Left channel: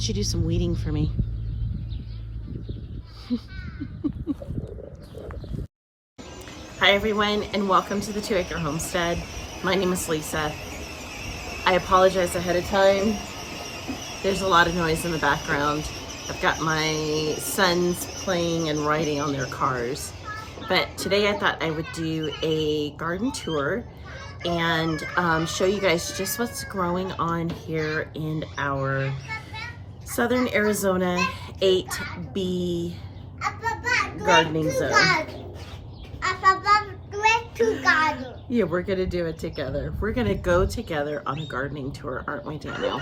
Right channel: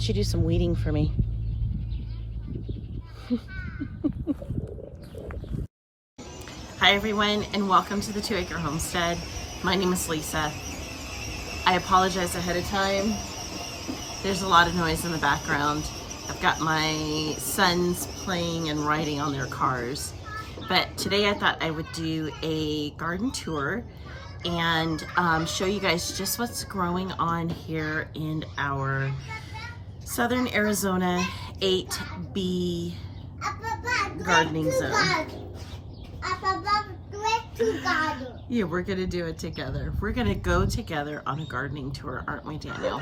don't you do some weeding for me? Hi everyone, and welcome to the 2 Acre Homestead. My name is Lisa. I apologize ahead of time. There's a lot of noise in the background. I've got my sons playing and riding on their cars. But today I thought I would do a garden tour and show you guys just what's growing on here in our Southern Arizona 8B gardening zone. Yeah, we're gonna do it together. We're gonna go together on a gardening tour, aren't we, Daniel?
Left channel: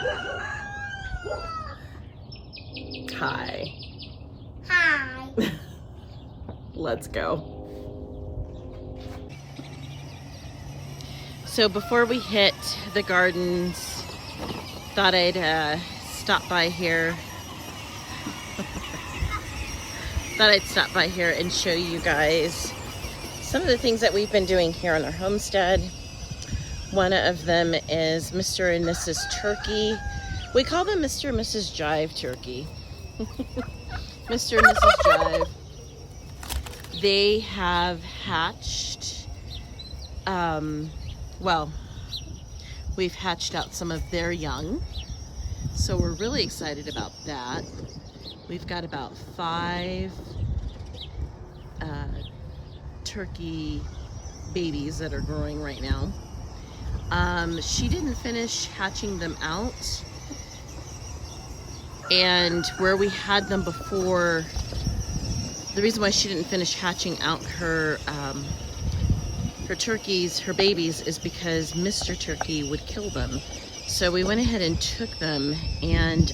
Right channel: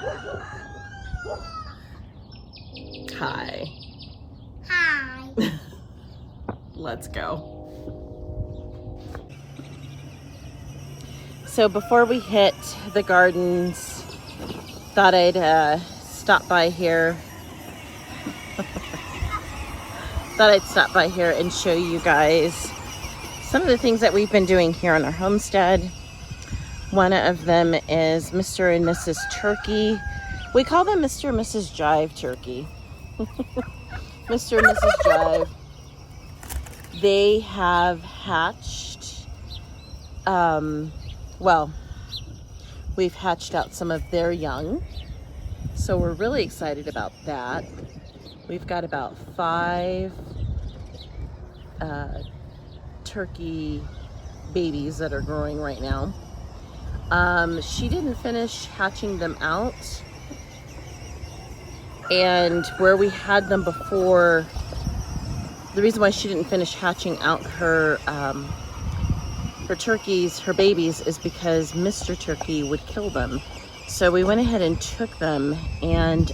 Hi. Hi. Let's go. So before we hit the gardens, thought I'd stop by here. Thought I'd stop by here and show you guys some of the things that we've been doing here on our homestead. One of them is Mr. and Mrs. Turkey. We call them Mr. and Mrs. Jive Turkey. Mr. and Mrs. Jive. They have hatched, well, we've hatched out some of their young. So we're really excited about that. We've got about 5 turkey babies that are growing right now. She didn't finish hatching them out, and where we had them before, the reason why she didn't finish hatching out her turkeys, her babies, is because Mr. Turkey would kill them. So we went ahead and took them, and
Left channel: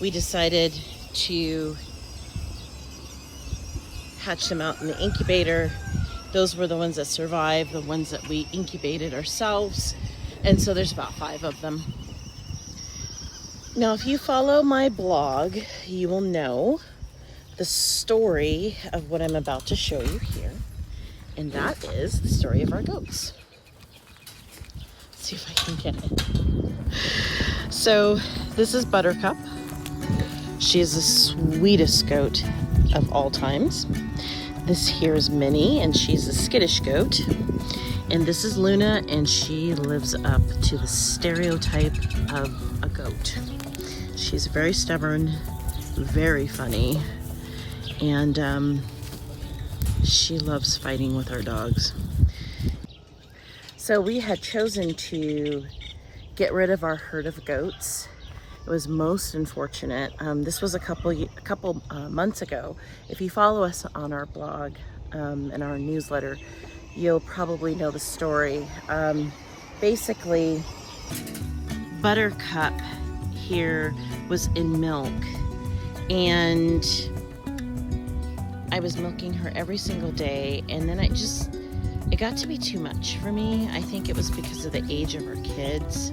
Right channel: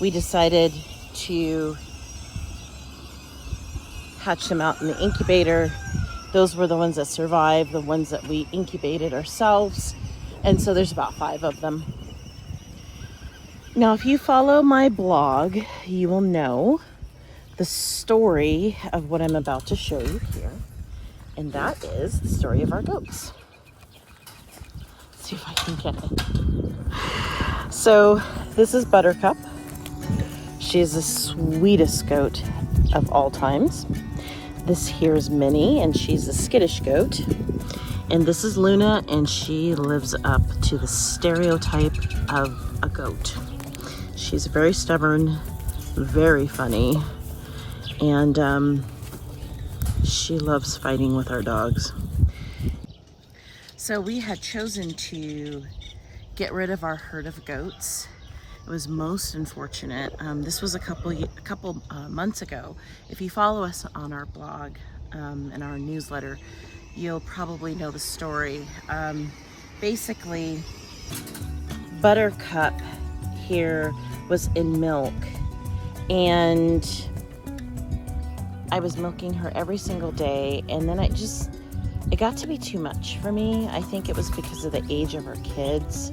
we decided to hatch them out in the incubator. Those were the ones that survived, the ones that we incubated ourselves. And so there's about 5 of them. Now, if you follow my blog, you will know the story of what I'm about to show you here. And that is the story of our goats. Let's see if I can get it. So this is Buttercup. She is the sweetest goat of all times. This here is Minnie, and she's a skittish goat. And this is Luna, and she lives up to the stereotype of a goat. She's very stubborn, very funny, and she loves fighting with our dogs. So we had chosen to get rid of our herd of goats. It was most unfortunate. This was a couple months ago. If you follow us on our blog and our newsletter, you'll probably know the story. Basically, Buttercup here was in milk, and I was milking her every single day, and then it got to be too much for me. I think it was because of the age of our kids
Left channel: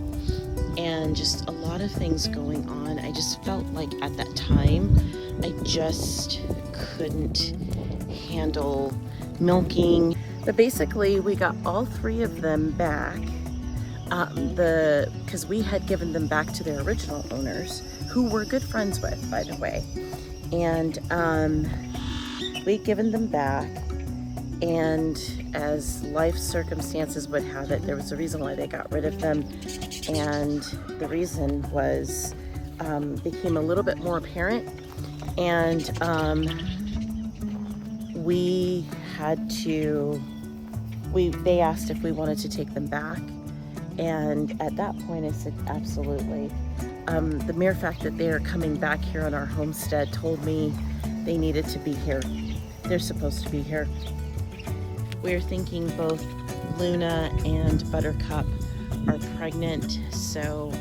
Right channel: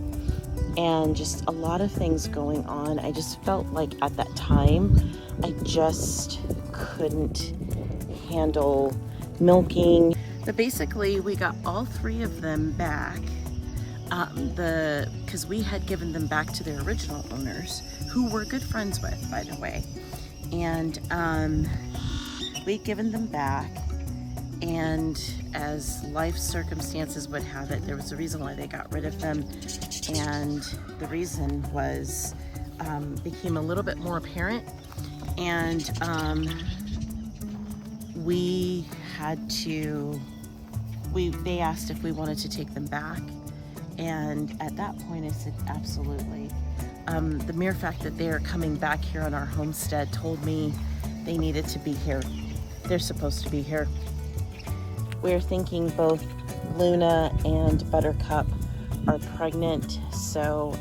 and just a lot of things going on. I just felt like at that time, I just couldn't handle milking. But basically, we got all 3 of them back, because we had given them back to their original owners, who we're good friends with, by the way. And we'd given them back, and as life circumstances would have it, there was a reason why they got rid of them. And the reason was became a little bit more apparent, and they asked if we wanted to take them back, and at that point I said absolutely. The mere fact that they are coming back here on our homestead told me they needed to be here. They're supposed to be here. We're thinking both Luna and Buttercup are pregnant, so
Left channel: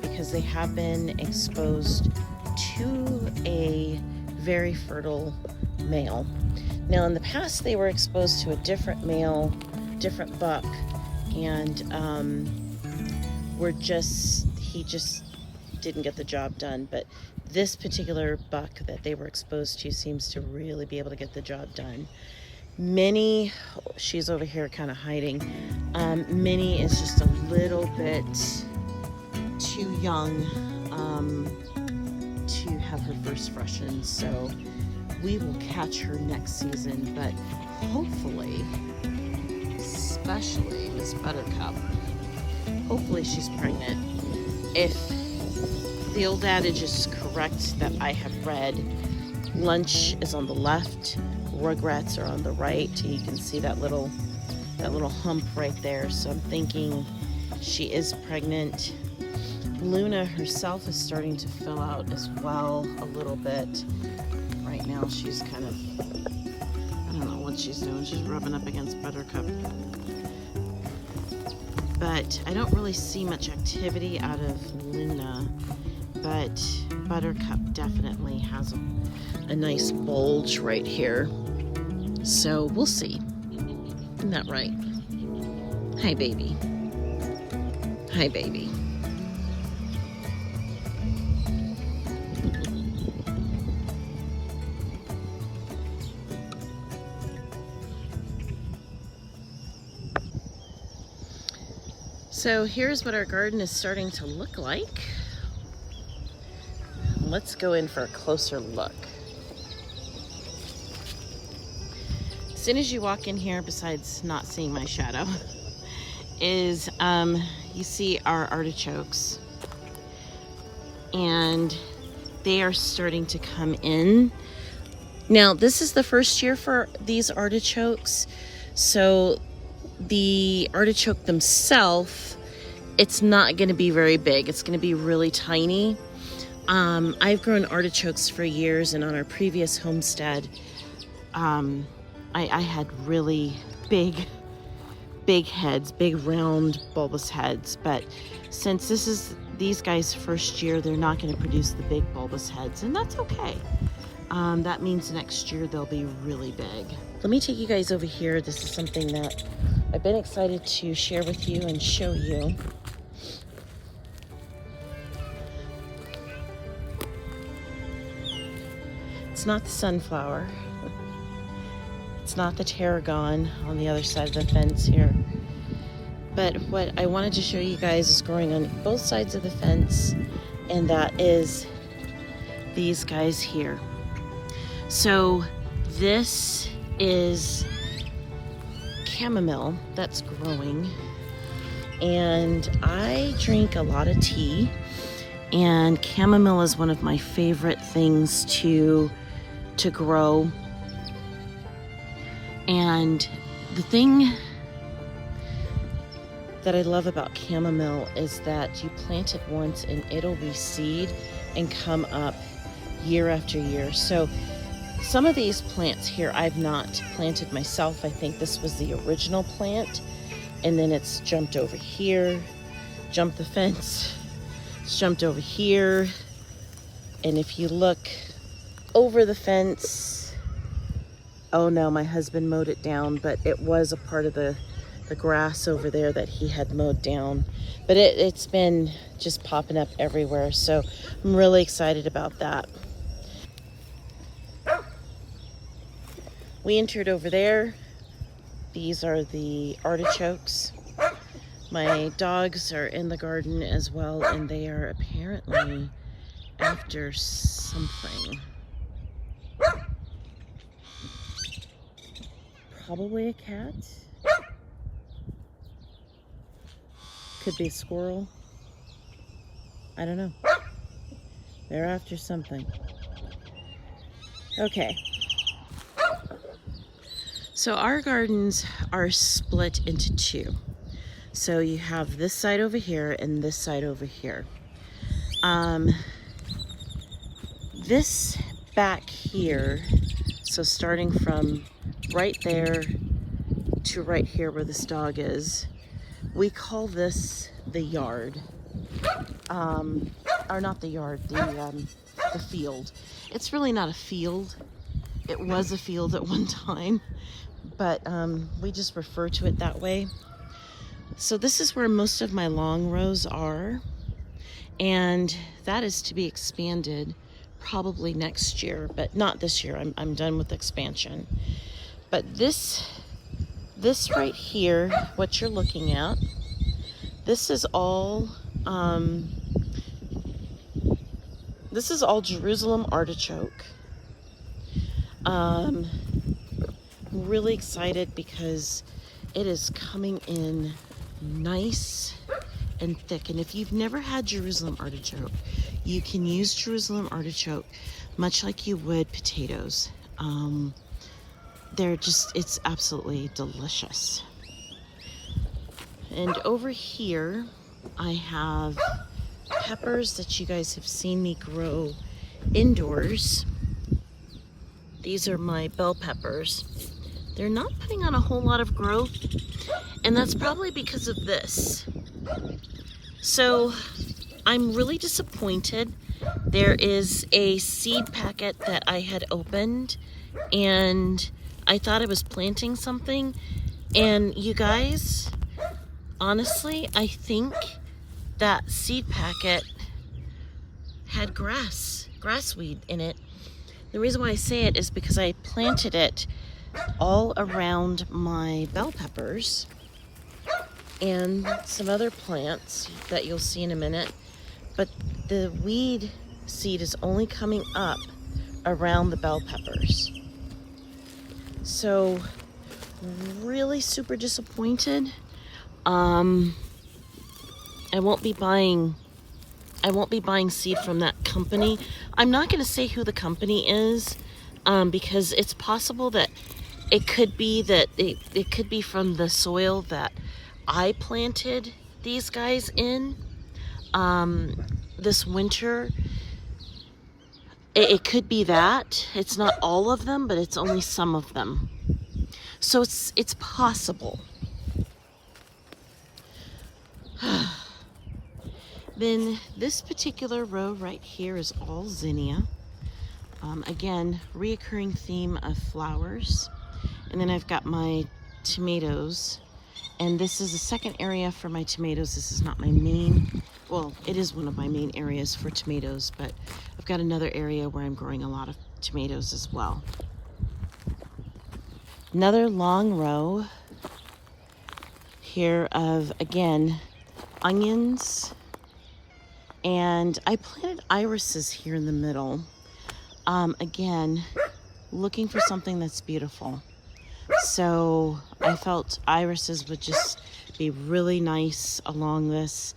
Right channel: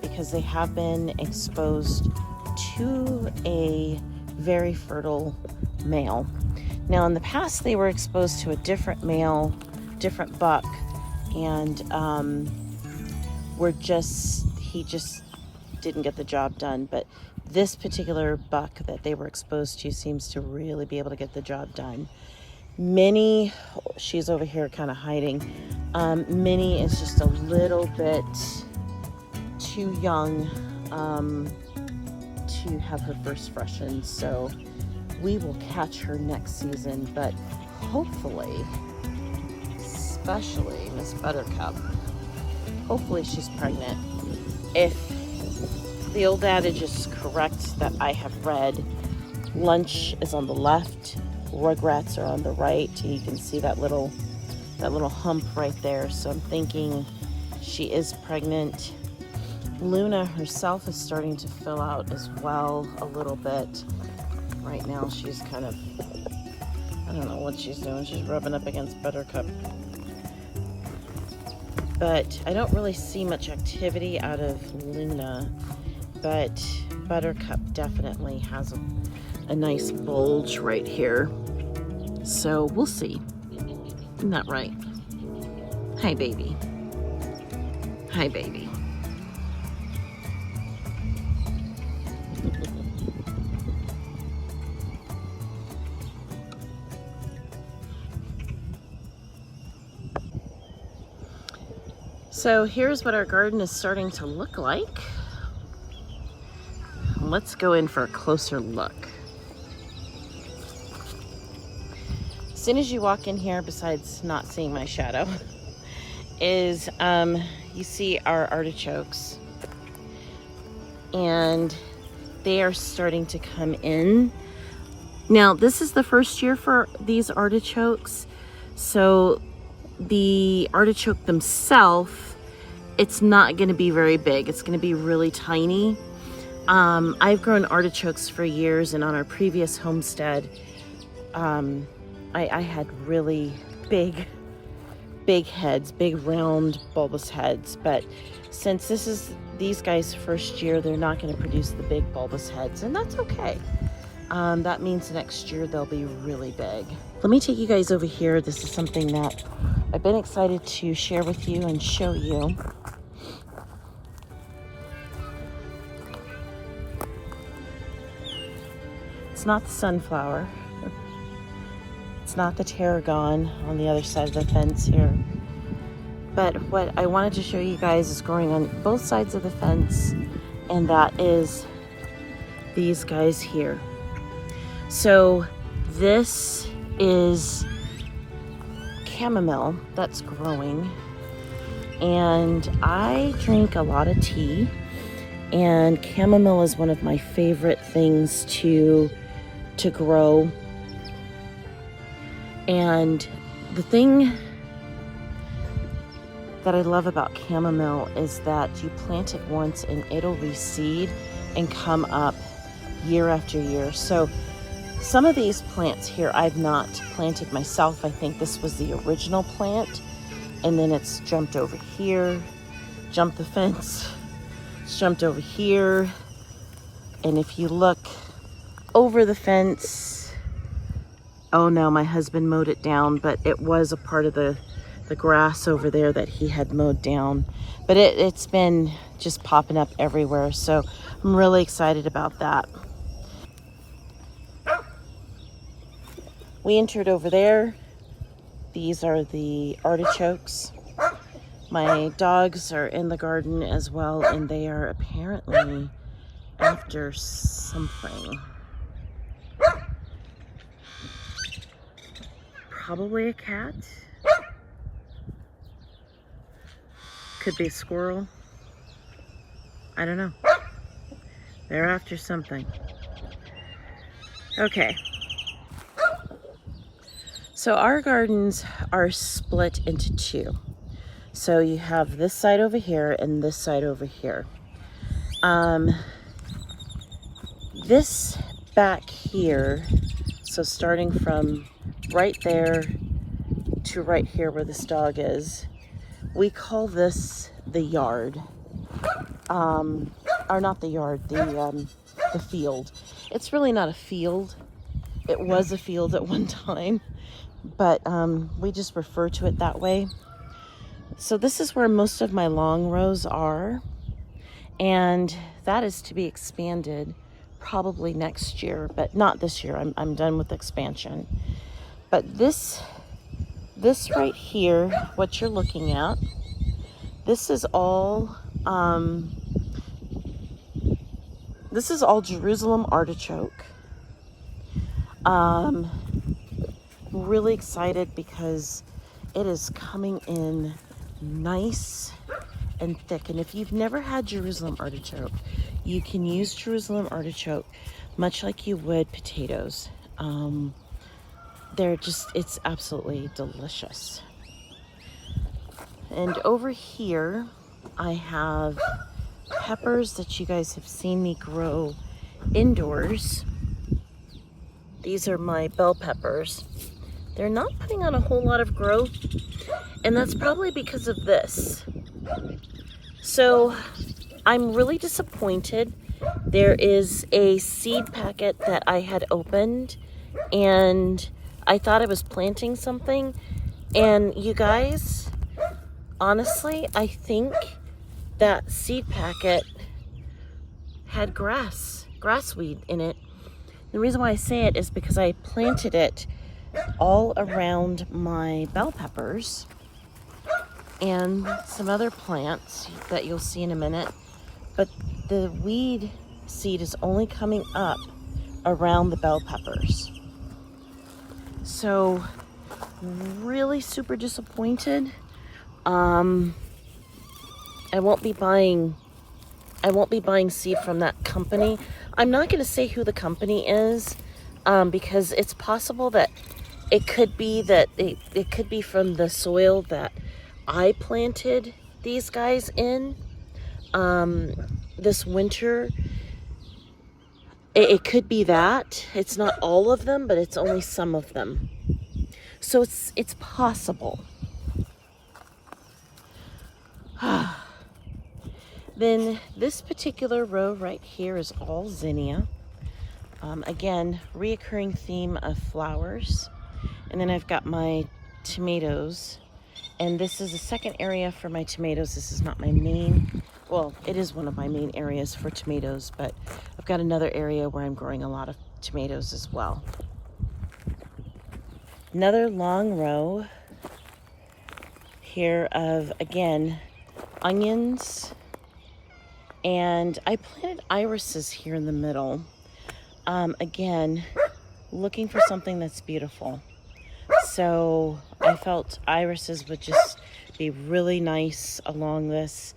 because they have been exposed to a very fertile male. Now in the past they were exposed to a different male, different buck, and he just didn't get the job done. But this particular buck that they were exposed to seems to really be able to get the job done. Minnie, she's over here kind of hiding. Minnie is just a little bit too young to have her first freshen. So we will catch her next season, but hopefully, especially Miss Buttercup, hopefully she's pregnant. If the old adage is correct that I have read, lunch is on the left, rugrats are on the right. You can see that little hump right there. So I'm thinking she is pregnant. Luna herself is starting to fill out as well a little bit. Right now she's kind of, I don't know what she's doing. She's rubbing up against Buttercup. But I don't really see much activity out of Luna, but Buttercup definitely has a nice bulge right here. So we'll see. Isn't that right? Hi, baby. Hi, baby. So here's what our garden is starting to look like. Let's go in for a closer look. As soon as you walk in here, besides not seeing my shadow, is you see our artichokes. And they are starting to come in. Now, this is the first year for these artichokes. So the artichoke themselves, it's not going to be very big. It's going to be really tiny. I've grown artichokes for years, and on our previous homestead, I had really big heads, big round bulbous heads. But since this is these guys' first year, they're not going to produce the big bulbous heads, and that's okay. That means next year they'll be really big. Let me take you guys over here. This is something that I've been excited to share with you and show you. It's not the sunflower. It's not the tarragon on the other side of the fence here. But what I wanted to show you guys is growing on both sides of the fence, and that is these guys here. So this is chamomile that's growing, and I drink a lot of tea, and chamomile is one of my favorite things to grow. And the thing that I love about chamomile is that you plant it once and it'll reseed and come up year after year. So some of these plants here I've not planted myself. I think this was the original plant, and then it's jumped over here, jumped the fence, it's jumped over here. And if you look over the fence, oh no, my husband mowed it down, but it was a part of the grass over there that he had mowed down. But it's been just popping up everywhere, so I'm really excited about that. We entered over there. These are the artichokes. My dogs are in the garden as well, and they are apparently after something. Probably a cat. Could be a squirrel. I don't know. They're after something. Okay. So our gardens are split into two. So you have this side over here and this side over here. This back here, so starting from right there to right here where this dog is, we call this the yard. Or not the yard, the field. It's really not a field. It was a field at one time, but we just refer to it that way. So this is where most of my long rows are, and that is to be expanded probably next year, but not this year. I'm done with expansion. But this right here, what you're looking at, this is all This is all Jerusalem artichoke. Really excited because it is coming in nice and thick. And if you've never had Jerusalem artichoke, you can use Jerusalem artichoke much like you would potatoes. It's absolutely delicious. And over here, I have peppers that you guys have seen me grow indoors. These are my bell peppers. They're not putting on a whole lot of growth, and that's probably because of this. So I'm really disappointed. There is a seed packet that I had opened, and I thought I was planting something. And you guys, honestly, I think that seed packet had grassweed in it. The reason why I say it is because I planted it all around my bell peppers and some other plants that you'll see in a minute. But the weed seed is only coming up around the bell peppers. So really super disappointed. I won't be buying seed from that company. I'm not going to say who the company is, because it's possible that it could be from the soil that I planted these guys in this winter. It could be that. It's not all of them, but it's only some of them. So it's possible. Then this particular row right here is all zinnia. Again, reoccurring theme of flowers. And then I've got my tomatoes. And this is the second area for my tomatoes. This is not my main, well, it is one of my main areas for tomatoes, but I've got another area where I'm growing a lot of tomatoes as well. Another long row here of, again, onions. And I planted irises here in the middle. Again, looking for something that's beautiful. So I felt irises would just be really nice along this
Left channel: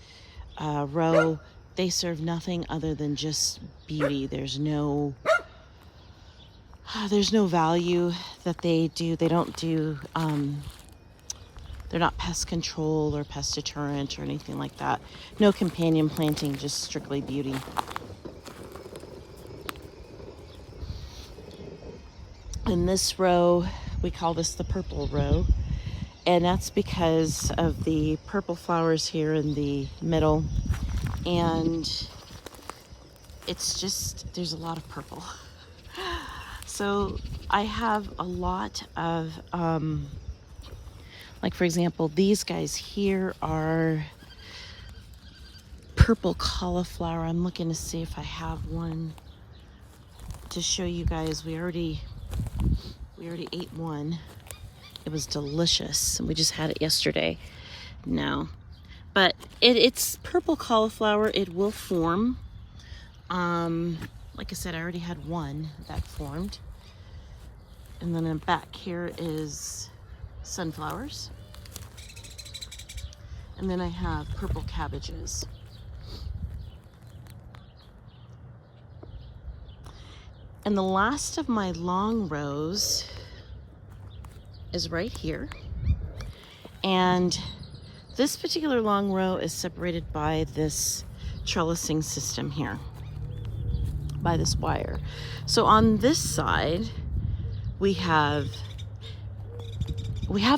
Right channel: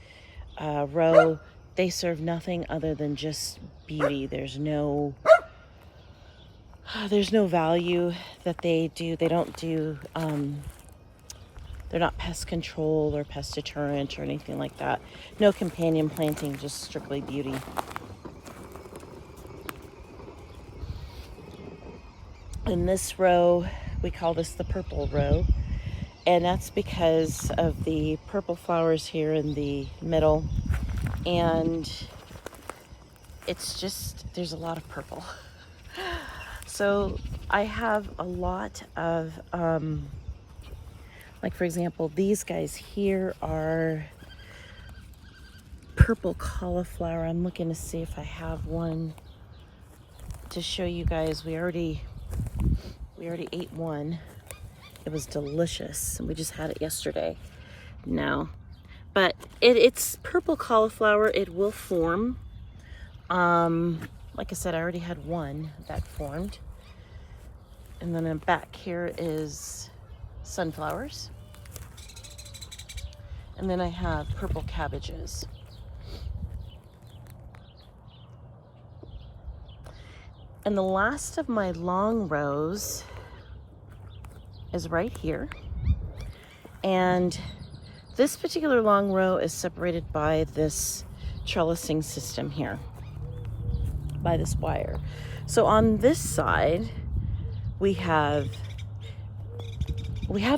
row. They serve nothing other than just beauty. There's no value that they do. They don't do, they're not pest control or pest deterrent or anything like that. No companion planting, just strictly beauty. In this row, we call this the purple row. And that's because of the purple flowers here in the middle. And it's just, there's a lot of purple. So I have a lot of, like for example, these guys here are purple cauliflower. I'm looking to see if I have one to show you guys. We already ate one. It was delicious, and we just had it yesterday. No, but it's purple cauliflower. It will form. Like I said, I already had one that formed. And then back here is sunflowers. And then I have purple cabbages. And the last of my long rows is right here. And this particular long row is separated by this trellising system here, by this wire. So on this side, we have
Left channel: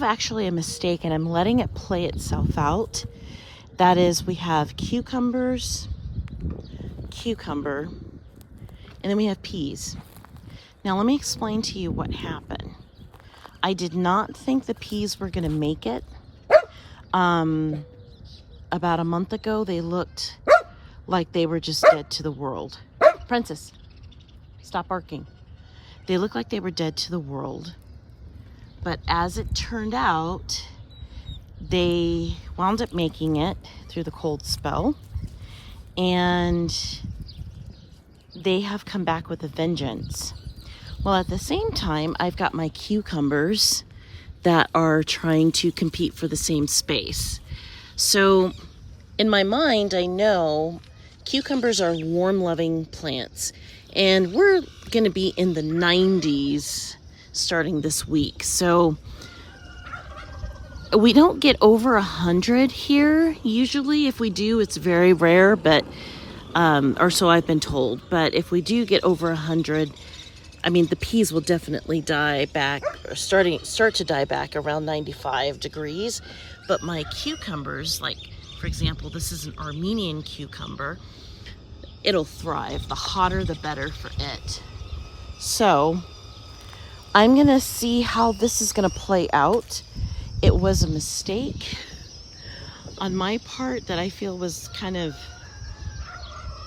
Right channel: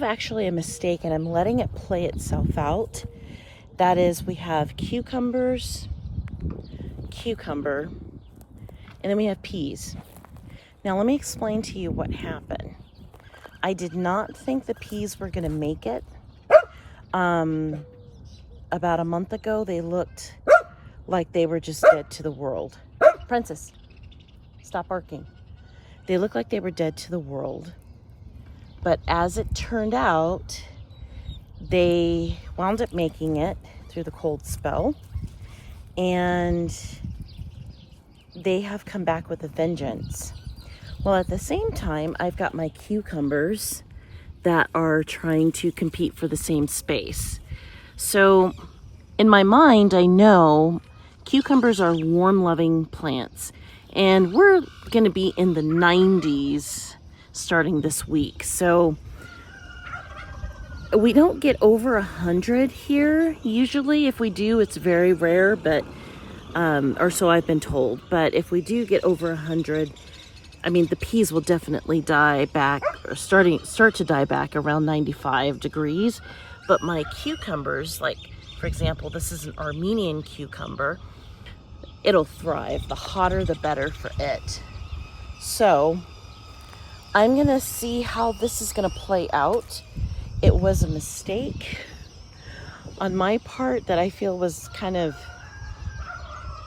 actually a mistake, and I'm letting it play itself out. That is, we have cucumber, and then we have peas. Now let me explain to you what happened. I did not think the peas were gonna make it. About a month ago, they looked like they were just dead to the world. Princess, stop barking. They looked like they were dead to the world. But as it turned out, they wound up making it through the cold spell. And they have come back with a vengeance. Well, at the same time, I've got my cucumbers that are trying to compete for the same space. So in my mind, I know cucumbers are warm-loving plants, and we're going to be in the 90s starting this week. So we don't get over 100 here usually. If we do, it's very rare, but or so I've been told. But if we do get over 100, I mean, the peas will definitely die back, or start to die back around 95 degrees. But my cucumbers, like for example, this is an Armenian cucumber, it'll thrive. The hotter, the better for it. So I'm gonna see how this is gonna play out. It was a mistake on my part that I feel was kind of,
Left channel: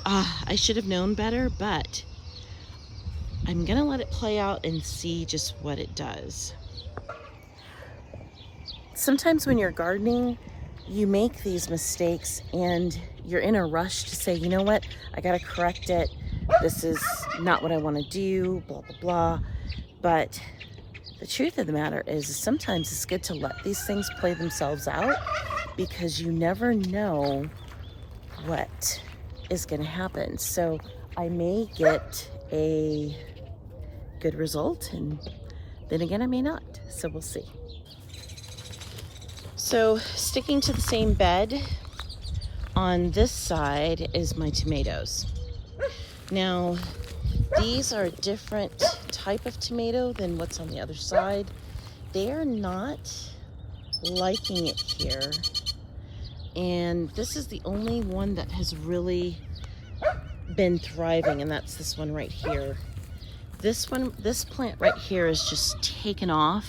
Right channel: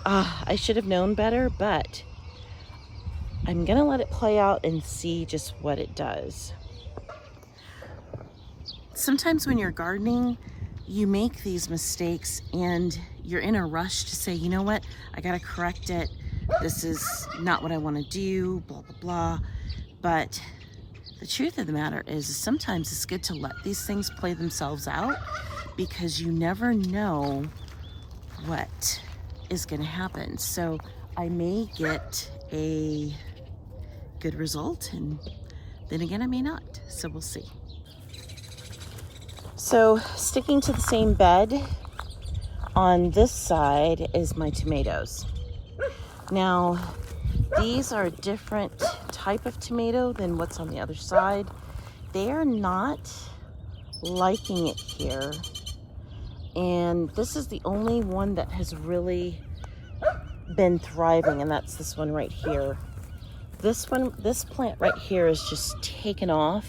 I should have known better, but I'm gonna let it play out and see just what it does. Sometimes when you're gardening, you make these mistakes and you're in a rush to say, you know what, I gotta correct it. This is not what I wanna do, blah, blah, blah. But the truth of the matter is sometimes it's good to let these things play themselves out, because you never know what is gonna happen. So I may get a good result, and then again I may not, so we'll see. So sticking to the same bed, on this side is my tomatoes. Now these are a different type of tomato than what's on the other side. They are not liking it here, and this is the only one that has really been thriving, and that's this one right here. This plant right here is just taken off.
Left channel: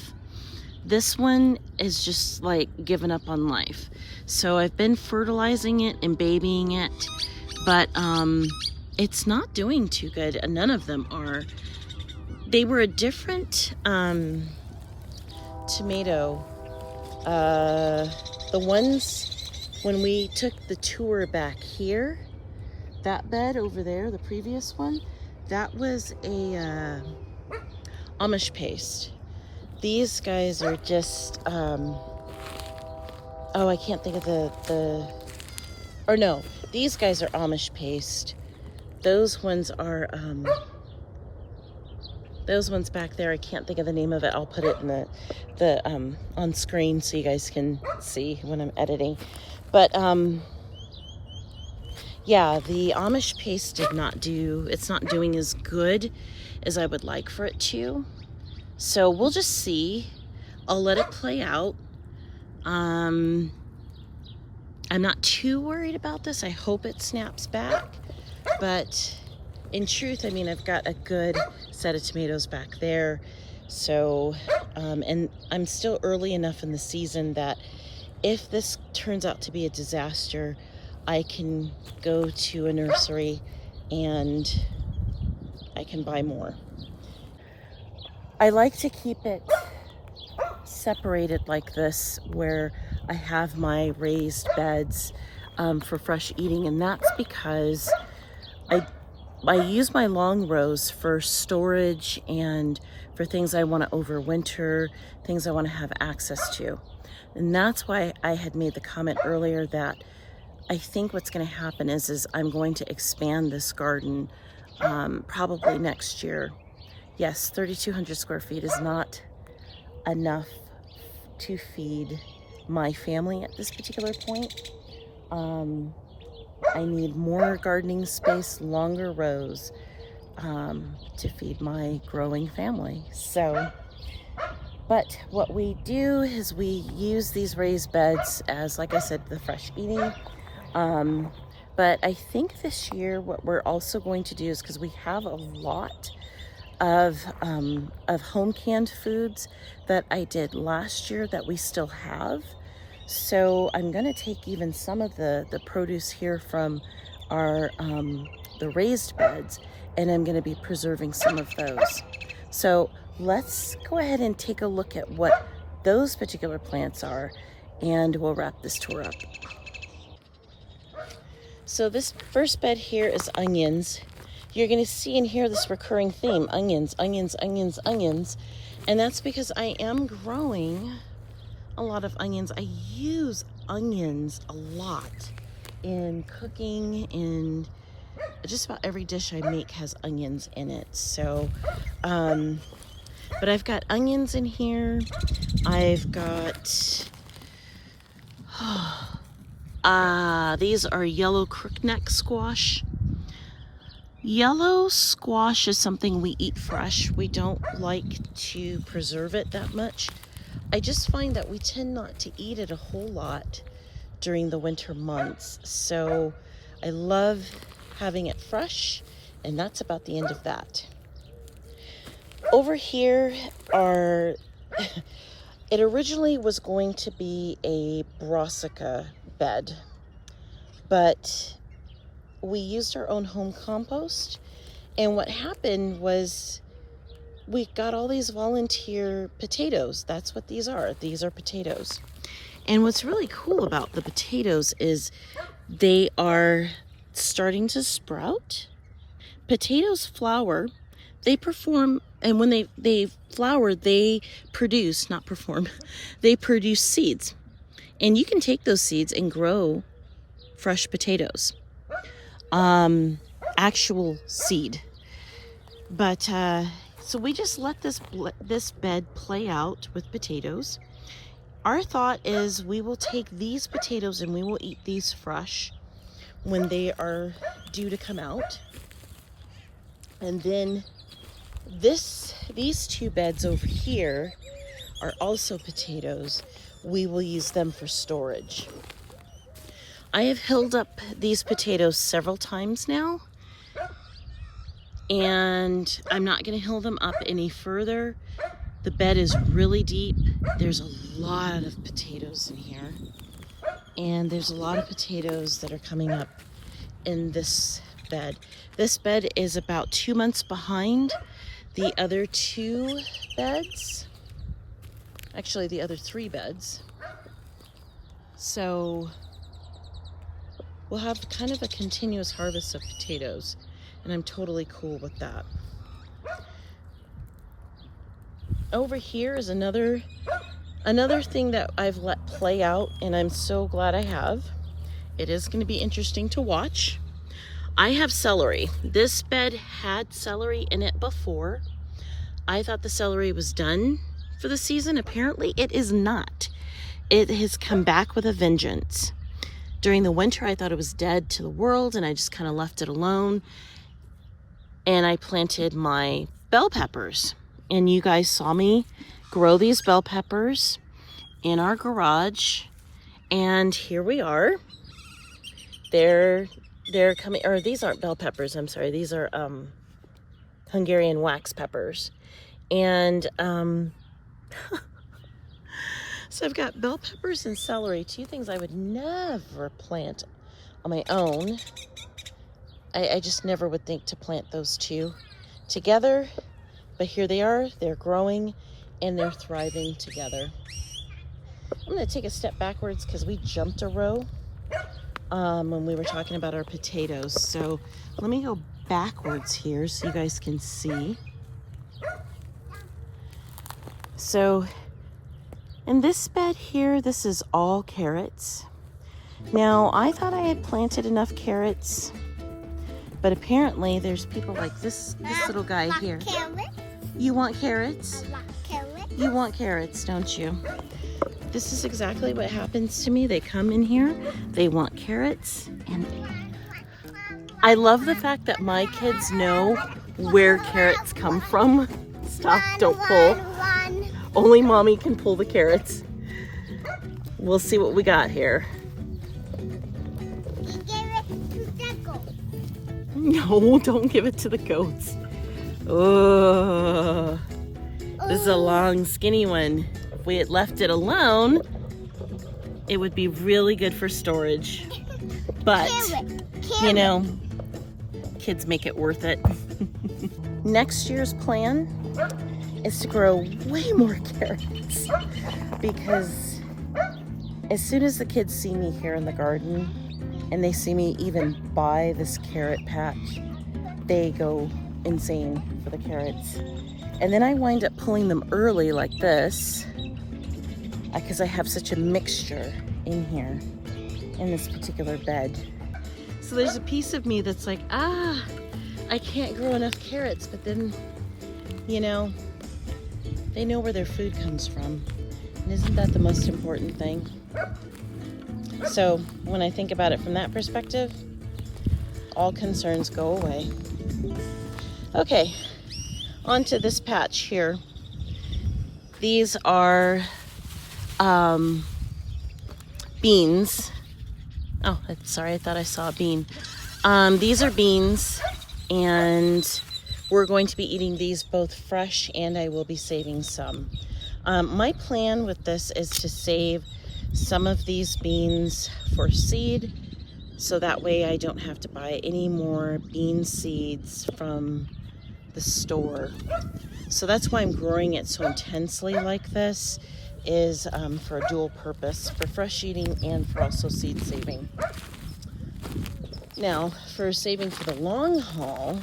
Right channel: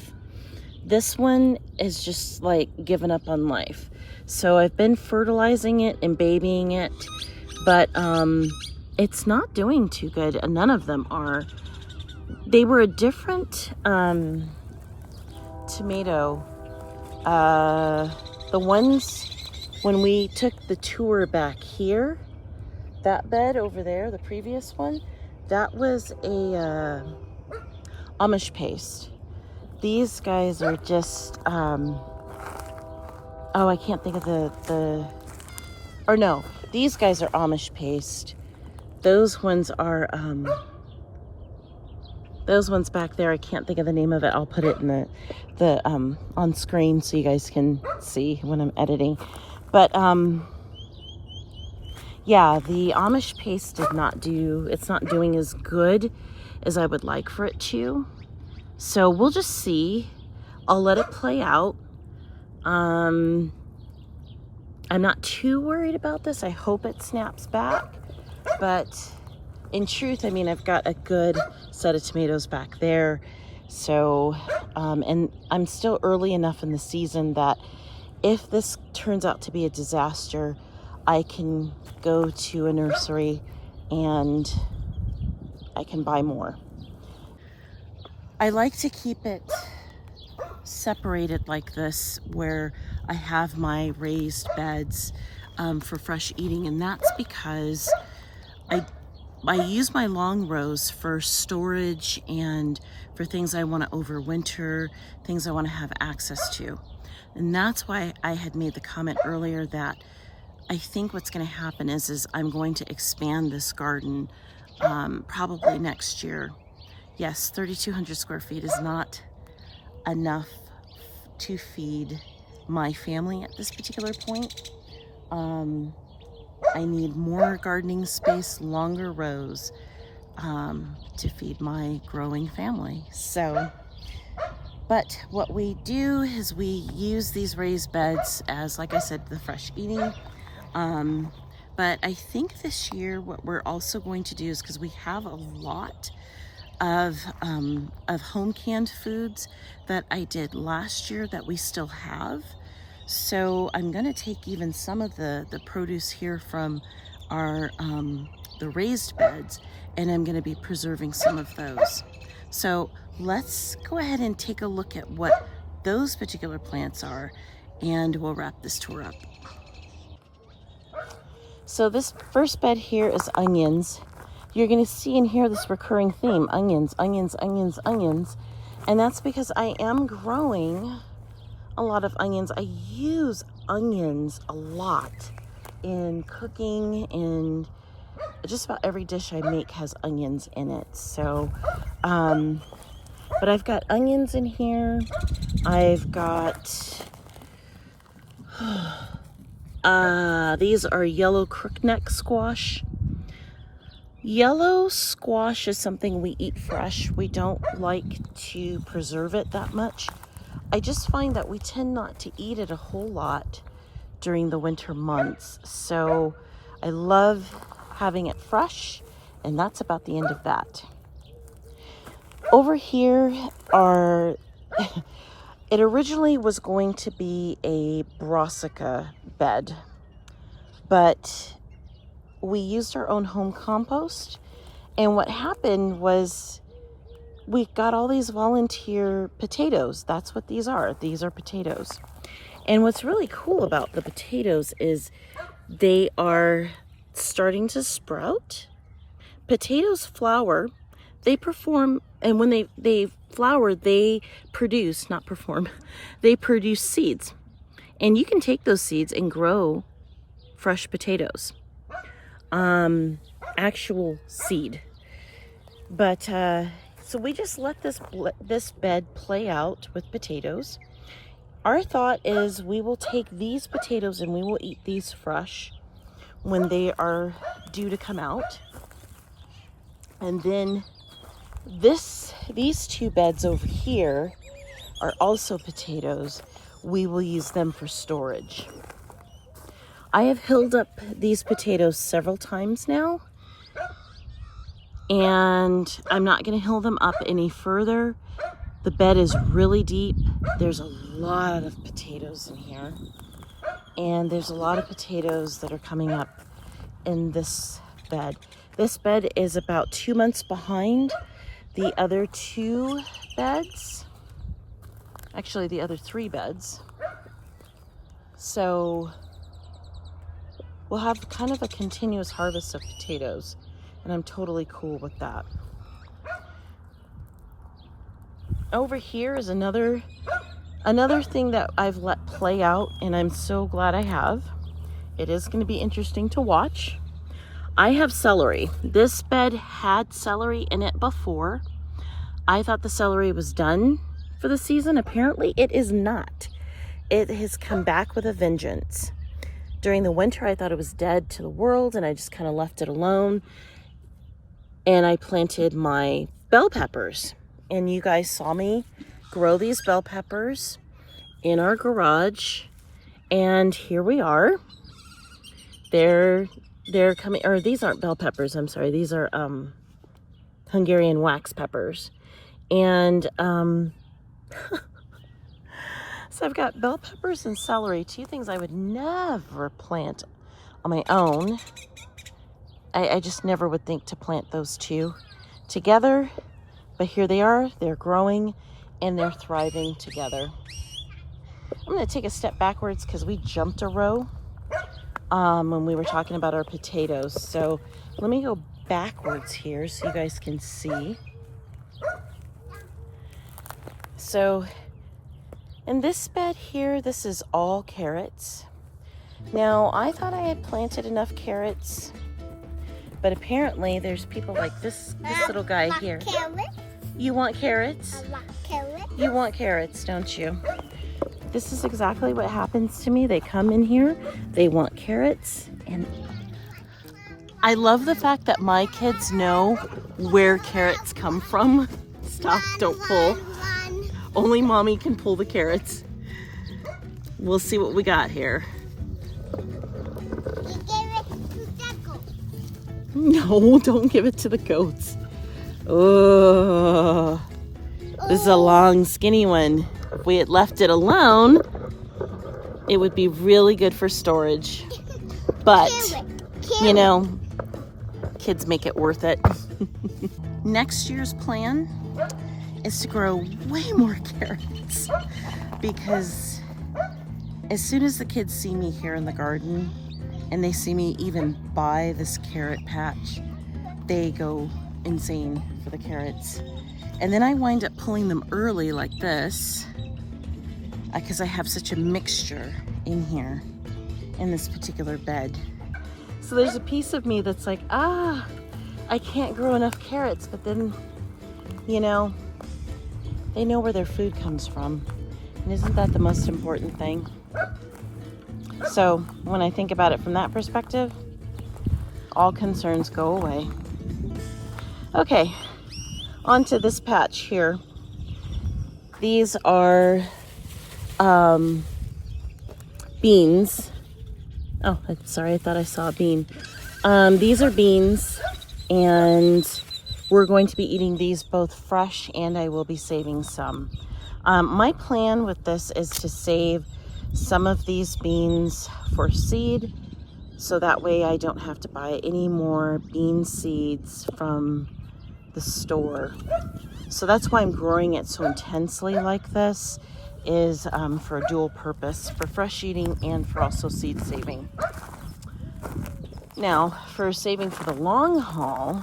This one is just like given up on life. So I've been fertilizing it and babying it, but it's not doing too good. None of them are. They were a different tomato. The ones when we took the tour back here, that bed over there, the previous one, that was a Amish paste. These guys are just, oh, I can't think of or no, these guys are Amish paste. Those ones are, those ones back there, I can't think of the name of it. I'll put it in the on screen so you guys can see when I'm editing. But, yeah, the Amish paste it's not doing as good as I would like for it to. So we'll just see. I'll let it play out. I'm not too worried about this. I hope it snaps back. But in truth, I mean, I've got a good set of tomatoes back there. So, and I'm still early enough in the season that if this turns out to be a disaster, I can go to a nursery and I can buy more. I like to keep it separated like this, where I have my raised beds for fresh eating, and that's because I use my long rows for storage and for things I want to overwinter, things I want to have access to. And that's why I had made the comment earlier that I think what's going to happen is I'm going to expand this garden probably next year. Yes, 3,200 square feet is not enough to feed my family at this particular point. I need more gardening space, longer rows to feed my growing family. So, but what we do is we use these raised beds as, like I said, the fresh eating. But I think this year what we're also going to do is, because we have a lot of home canned foods that I did last year that we still have. So I'm gonna take even some of the produce here from our the raised beds, and I'm gonna be preserving some of those. So let's go ahead and take a look at what those particular plants are, and we'll wrap this tour up. So this first bed here is onions. you're going to see and hear this recurring theme: onions, onions, onions, onions. And that's because I am growing a lot of onions. I use onions a lot in cooking, and just about every dish I make has onions in it. So, but I've got onions in here. I've got, these are yellow crookneck squash. Yellow squash is something we eat fresh. We don't like to preserve it that much. I just find that we tend not to eat it a whole lot during the winter months. So I love having it fresh, and that's about the end of that. Over here are, it originally was going to be a brassica bed, but we used our own home compost, and what happened was we got all these volunteer potatoes. That's what these are. These are potatoes. And what's really cool about the potatoes is they are starting to sprout. Potatoes flower. They perform, and when they flower, they produce, not perform, they produce seeds. And you can take those seeds and grow fresh potatoes. Actual seed. But so we just let this bed play out with potatoes. Our thought is we will take these potatoes and we will eat these fresh when they are due to come out. And then these two beds over here are also potatoes. We will use them for storage. I have hilled up these potatoes several times now, and I'm not going to hill them up any further. The bed is really deep. There's a lot of potatoes in here, and there's a lot of potatoes that are coming up in this bed. This bed is about 2 months behind the other two beds. Actually, the other 3 beds. So we'll have kind of a continuous harvest of potatoes, and I'm totally cool with that. Over here is another thing that I've let play out, and I'm so glad I have. It is going to be interesting to watch. I have celery. This bed had celery in it before. I thought the celery was done for the season. Apparently it is not. It has come back with a vengeance. During the winter, I thought it was dead to the world, and I just kind of left it alone. And I planted my bell peppers. And you guys saw me grow these bell peppers in our garage. And here we are. They're coming, or these aren't bell peppers, I'm sorry. These are Hungarian wax peppers. And so I've got bell peppers and celery, 2 things I would never plant on my own. I just never would think to plant those 2 together, but here they are. They're growing and they're thriving together. I'm going to take a step backwards because we jumped a row when we were talking about our potatoes. So let me go backwards here so you guys can see. So in this bed here, this is all carrots. Now, I thought I had planted enough carrots, but apparently there's people like this little guy here. You want carrots? I want carrots. You want carrots, don't you? This is exactly what happens to me. They come in here, they want carrots, and I love the fact that my kids know where carrots come from. Stop, don't pull. Only mommy can pull the carrots. We'll see what we got here. You give it to the goat. No, don't give it to the goats. Oh, this is a long, skinny one. If we had left it alone, it would be really good for storage. But, you know, kids make it worth it. Next year's plan is to grow way more carrots, because as soon as the kids see me here in the garden and they see me even buy this carrot patch, they go insane for the carrots. And then I wind up pulling them early like this because I have such a mixture in here in this particular bed. So there's a piece of me that's like, I can't grow enough carrots, but then, you know, they know where their food comes from. And isn't that the most important thing? So when I think about it from that perspective, all concerns go away. Okay, onto this patch here. These are beans. Oh, sorry, I thought I saw a bean. These are beans, and we're going to be eating these both fresh, and I will be saving some. My plan with this is to save some of these beans for seed, so that way I don't have to buy any more bean seeds from the store. So that's why I'm growing it so intensely like this, is for a dual purpose, for fresh eating and for also seed saving. Now, for saving for the long haul,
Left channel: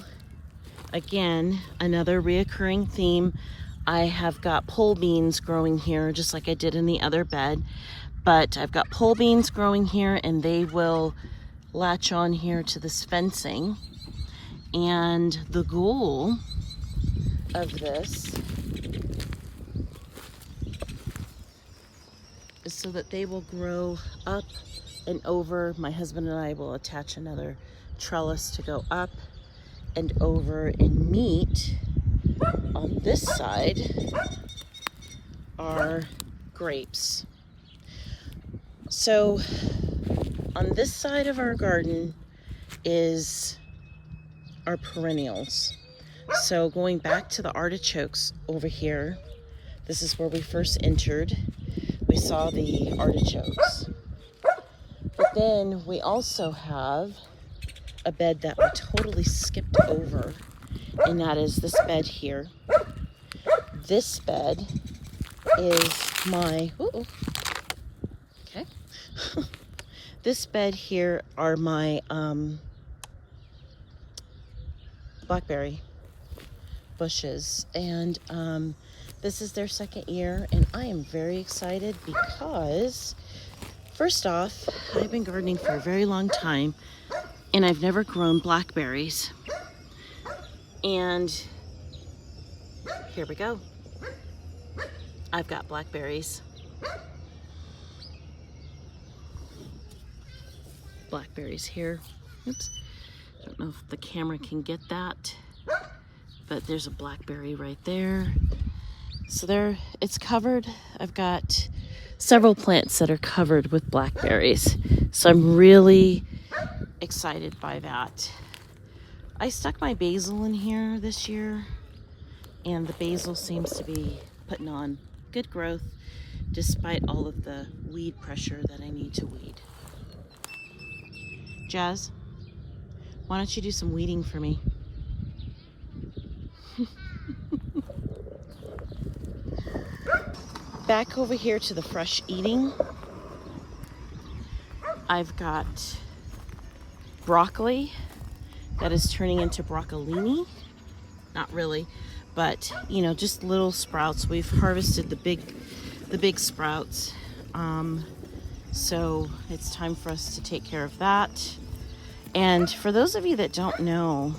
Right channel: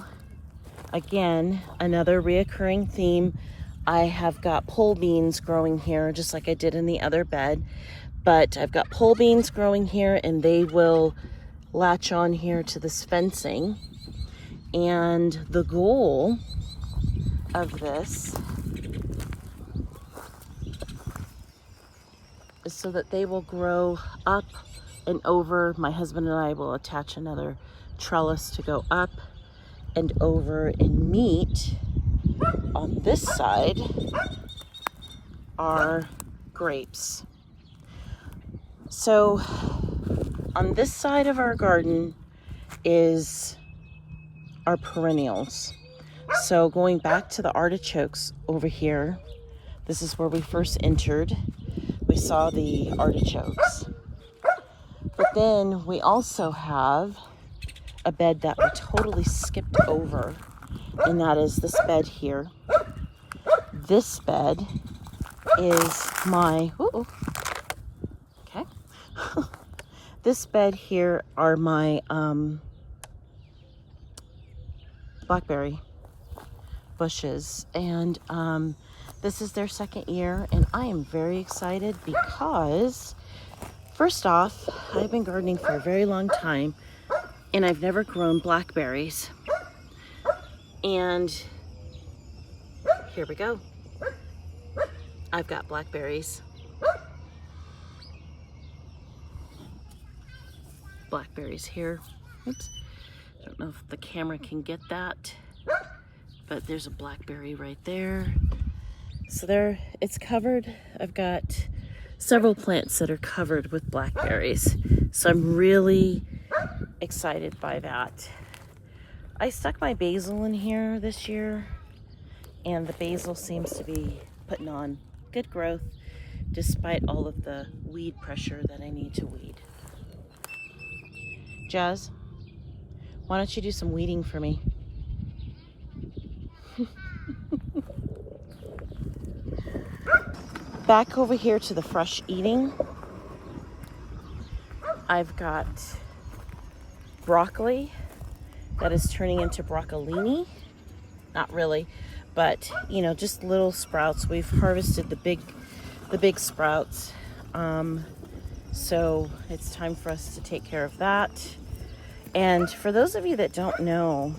again, another reoccurring theme. I have got pole beans growing here, just like I did in the other bed, but I've got pole beans growing here, and they will latch on here to this fencing. And the goal of this is so that they will grow up and over. My husband and I will attach another trellis to go up and over and meet. On this side are grapes. So on this side of our garden is our perennials. So going back to the artichokes over here, this is where we first entered. We saw the artichokes. But then we also have a bed that we totally skipped over, and that is this bed here. This bed is my, okay. This bed here are my blackberry bushes, and this is their second year, and I am very excited because, first off, I've been gardening for a very long time, and I've never grown blackberries. And here we go. I've got blackberries. Blackberries here. Oops. I don't know if the camera can get that, but there's a blackberry right there. So there, it's covered. I've got several plants that are covered with blackberries. So I'm really excited by that. I stuck my basil in here this year, and the basil seems to be putting on good growth despite all of the weed pressure that I need to weed. Jazz, why don't you do some weeding for me? Back over here to the fresh eating, I've got broccoli that is turning into broccolini. Not really, but you know, just little sprouts. We've harvested the big sprouts, so it's time for us to take care of that. And for those of you that don't know,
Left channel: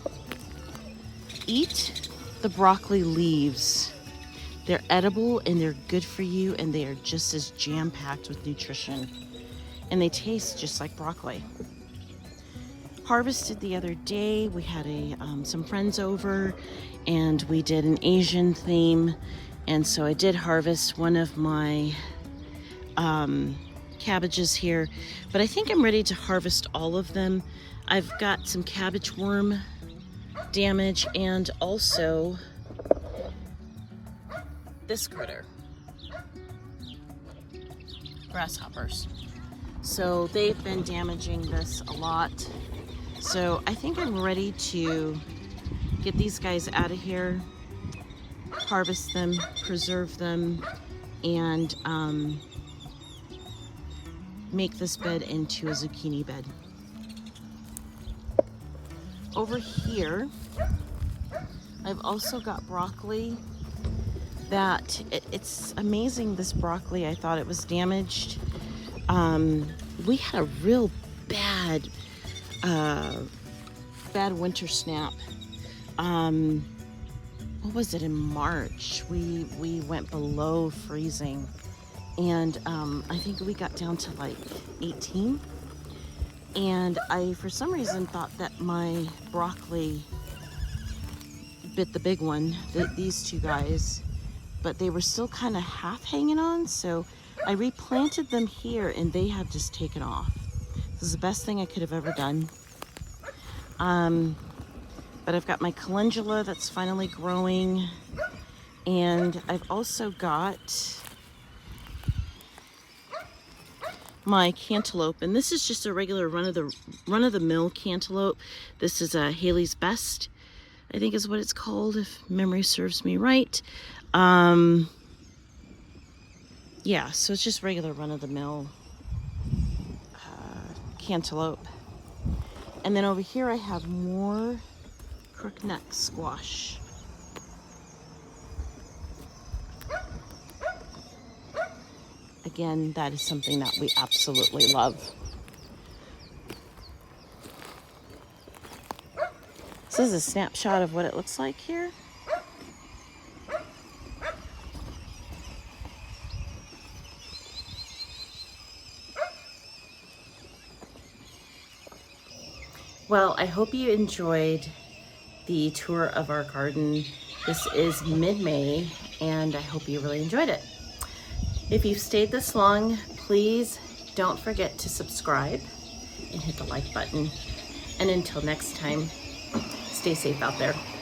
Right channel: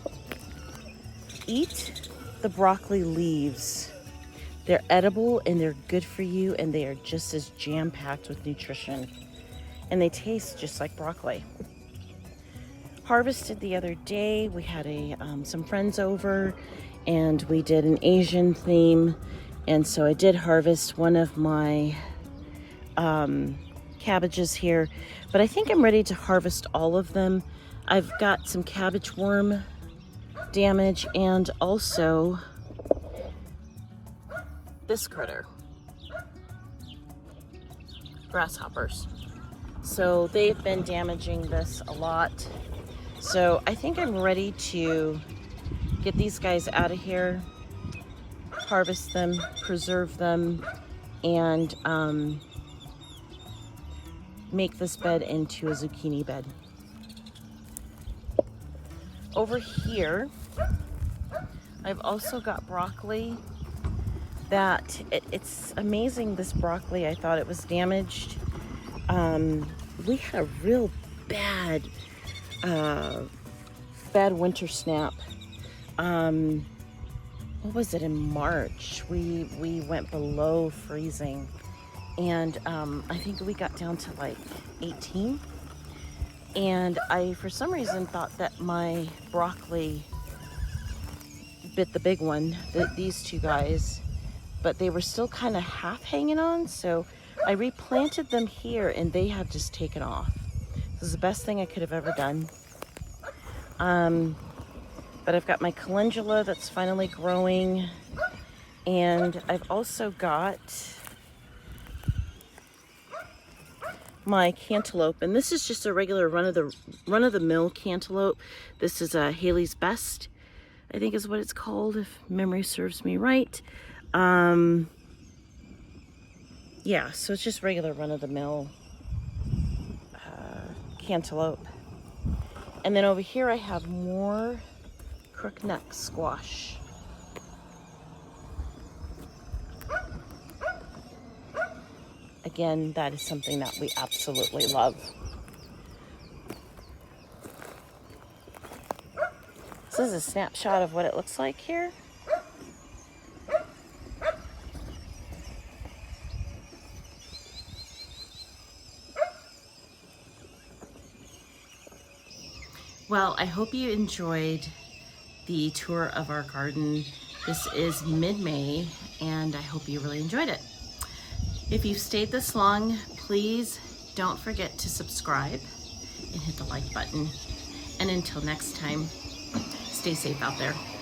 eat the broccoli leaves. They're edible and they're good for you, and they are just as jam-packed with nutrition, and they taste just like broccoli. Harvested the other day. We had some friends over, and we did an Asian theme, and so I did harvest one of my cabbages here, but I think I'm ready to harvest all of them. I've got some cabbage worm damage, and also this critter, grasshoppers. So they've been damaging this a lot. So I think I'm ready to get these guys out of here, harvest them, preserve them, and make this bed into a zucchini bed. over here, I've also got broccoli that it's amazing. This broccoli, I thought it was damaged. We had a real bad winter snap. What was it, in March? We went below freezing, and I think we got down to like 18. And I, for some reason, thought that my broccoli bit the big one, these two guys, but they were still kind of half hanging on, so I replanted them here and they have just taken off. This is the best thing I could have ever done. But I've got my calendula that's finally growing, and I've also got my cantaloupe, and this is just a regular run-of-the-mill cantaloupe. This is a Haley's Best, I think is what it's called, if memory serves me right. Yeah, so it's just regular run-of-the-mill cantaloupe. And then over here I have more crookneck squash. Again, that is something that we absolutely love. This is a snapshot of what it looks like here. Well, I hope you enjoyed the tour of our garden. This is mid-May, and I hope you really enjoyed it. If you've stayed this long, please don't forget to subscribe and hit the like button. And until next time, stay safe out there.